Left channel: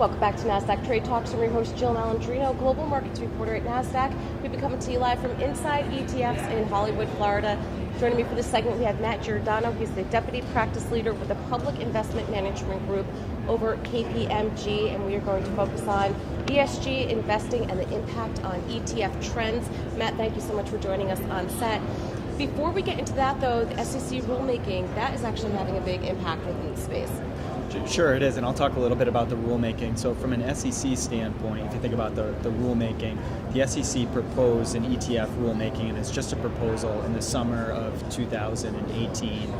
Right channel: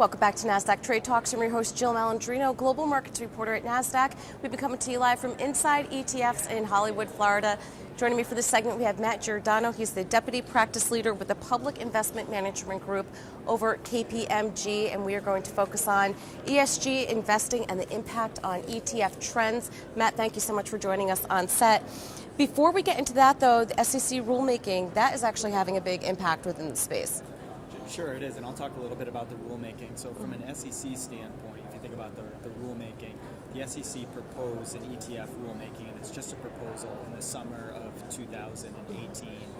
Welcome back to Nasdaq Trade Talks. I'm your host, Jill Malandrino, Global Markets Reporter at Nasdaq. We've been coming to you live from Inside ETFs in Hollywood, Florida. Joining me for this segment, we have Matt Giordano. He's the Deputy Practice Leader with the Public Investment Management Group over KPMG, and we are going to focus on ESG investing and the impact on ETF trends. Matt, thank you so much for joining us on set. Before we get into that, though, the SEC rulemaking, that is actually having a big impact within the space. Sure, it is, and I'll talk a little bit about the rulemaking. So from an SEC standpoint, if you think about the rulemaking, the SEC proposed an ETF rulemaking, and it's just a proposal in the summer of 2018.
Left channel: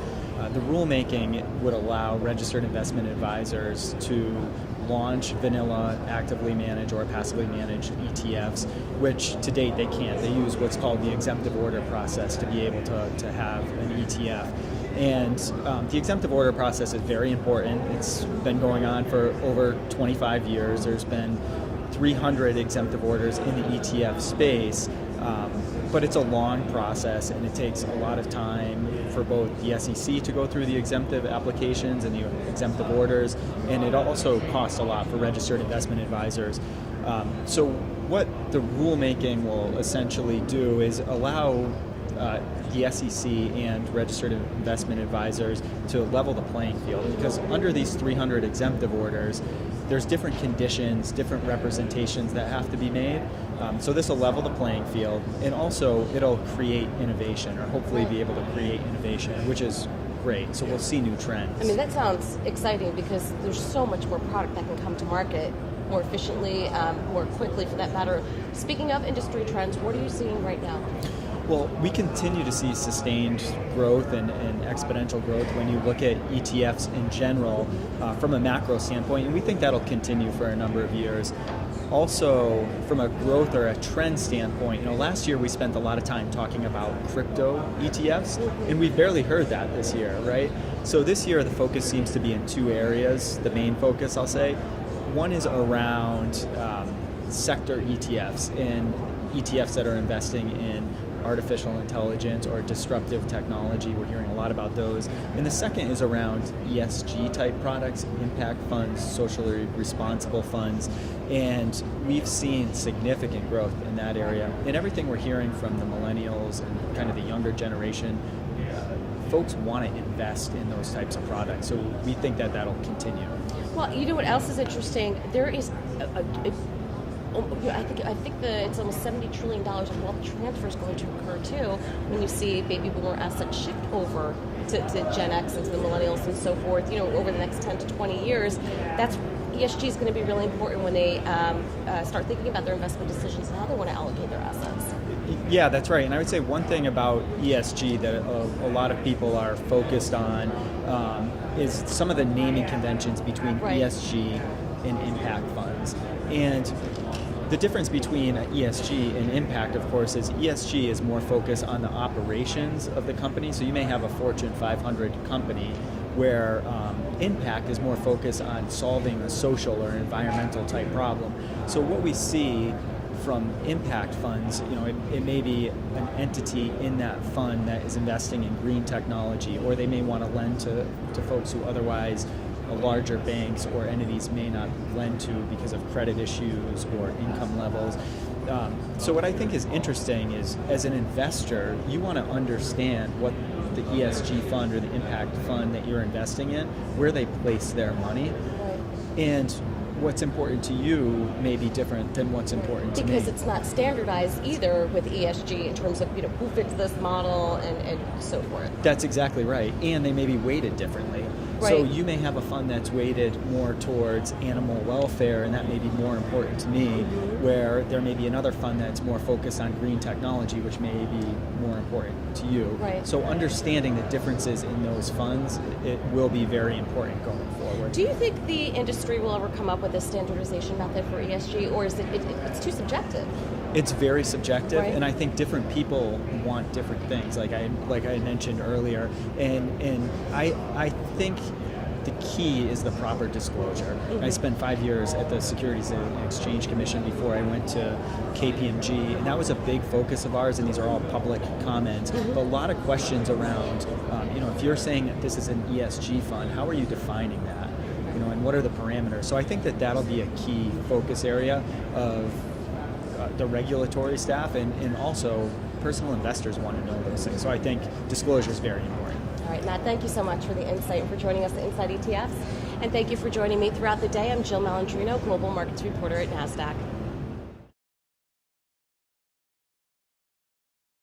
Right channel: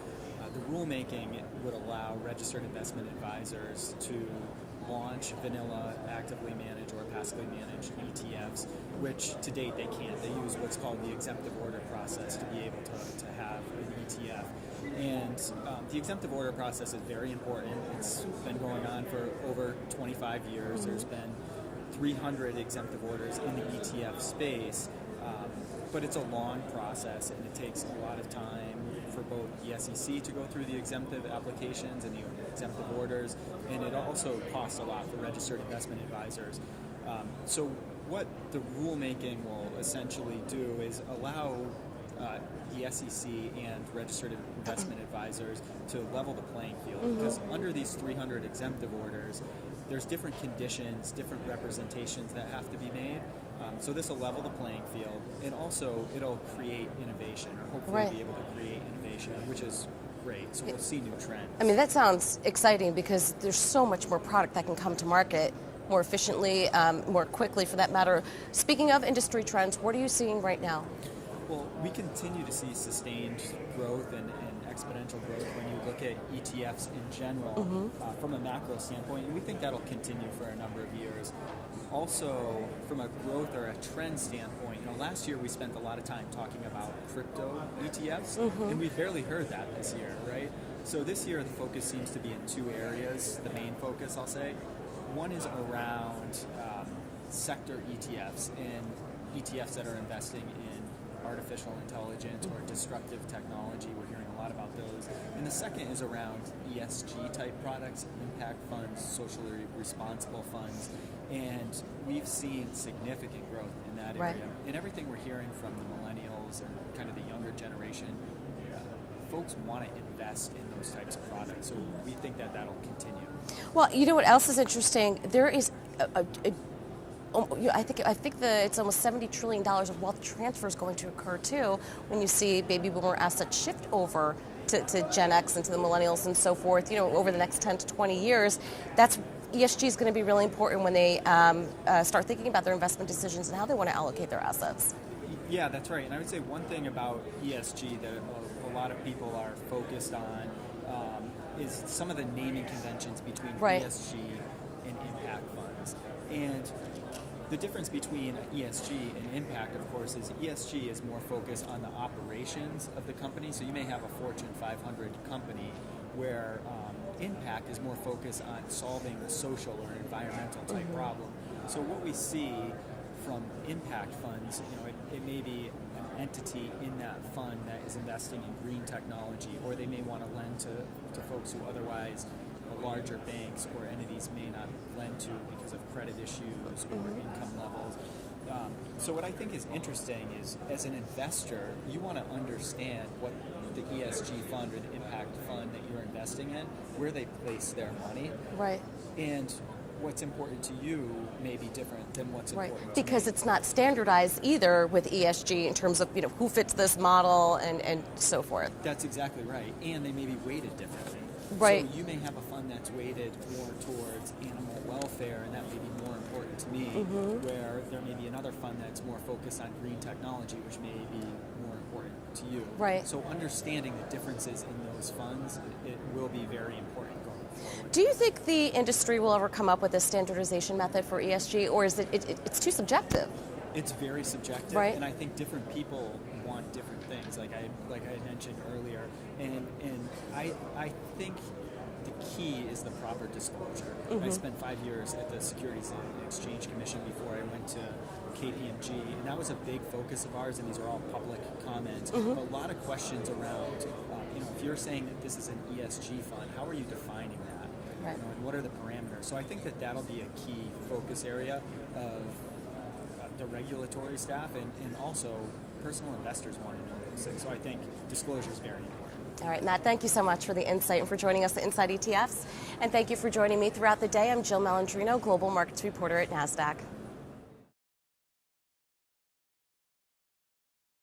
The rulemaking would allow registered investment advisors to launch vanilla, actively managed or passively managed ETFs, which to date they can't. They use what's called the exemptive order process to be able to have an ETF. And the exemptive order process is very important. It's been going on for over 25 years. There's been 300 exemptive orders in the ETF space, but it's a long process and it takes a lot of time for both the SEC to go through the exemptive applications and the exemptive orders, and it also costs a lot for registered investment advisors. So what the rulemaking will essentially do is allow the SEC and registered investment advisors to level the playing field, because under these 300 exemptive orders, there's different conditions, different representations that have to be made. So this will level the playing field, and also it'll create innovation, or hopefully be able to create innovation, which is great. So we'll see new trends. I mean, that sounds exciting because there's so much more product that can come to market more efficiently, more quickly for that matter. Speaking of industry trends, what are you seeing right now? Well, we continue to see sustained growth and exponential growth when you look at ETFs in general from a macro standpoint, and we think that'll continue for a number of years. Also, from a growth or a trend standpoint, last year we spent a lot of time talking about crypto ETFs, and we've barely heard that this year, right? So this year the focus seems to be in two areas, the main focus I'll say. One is around sector ETFs, and ETFs that are investing in artificial intelligence or disruptive technology. We're hearing a lot about those. And the second is around ESG type products, impact funds, socially responsible funds. And we've seen significant growth in that area. And everything we're hearing from the millennials and kind of the younger generation, folks want to invest in those types of products. So we think that that'll continue. Well, you know what else is interesting? There is I think it's almost $70 trillion of wealth transfers going to occur too when you see baby boomer assets shift over to Gen X and to the millennials and so forth. Over the next 10 to 20 years, that's ESG is going to be really important when they start thinking about their investment decisions and how they want to allocate their assets. Yeah, that's right. And I would say one thing about ESG that a lot of people are focused on is some of the naming conventions between ESG and impact funds. And the difference between ESG and impact, of course, is ESG is more focused on the operations of the company. So you may have a Fortune 500 company where impact is more focused on solving a social or environmental type problem. So what we see from impact funds, it may be an entity in that fund that is investing in green technology, or they may want to lend to folks who otherwise larger banks or entities may not lend to because of credit issues or income levels. So what I think is interesting is, as an investor, you want to understand what the ESG fund or the impact fund that you're investing in, where they place their money. Right. And what's important to you may be different than what's important to me. Because it's not standardized either with ESG in terms of who fits this model and so forth. That's exactly right. And they may be weighted differently. Right. So you may have a fund that's weighted more towards animal welfare, and that may be more important to me, where there may be another fund that's more focused on green technology, which may be more important to you. Right. So understanding the differences in those funds, it will be very important going forward. Do you think the industry will ever come up with a standardization method for ESG, or is it's too subjective? It's very subjective, right. And I think different people want different things, like I mentioned earlier, and I think the key is the proper disclosure. I spent 5 years at the Securities and Exchange Commission before I went to KPMG, and that was a big focus of ours, and these are all public comments. But a lot of questions around, if you're saying that this is an ESG fund, how are you defining that? and what are the parameters. So I think that that'll be a key focus area of the regulatory staff, and also personal investors want to know those things. So I think disclosure is very important. All right, Matt, thank you so much for the insight and for joining us at Inside ETFs. And thank you for joining me throughout the day. I'm Jill Malandrino, Global Markets Reporter at Nasdaq.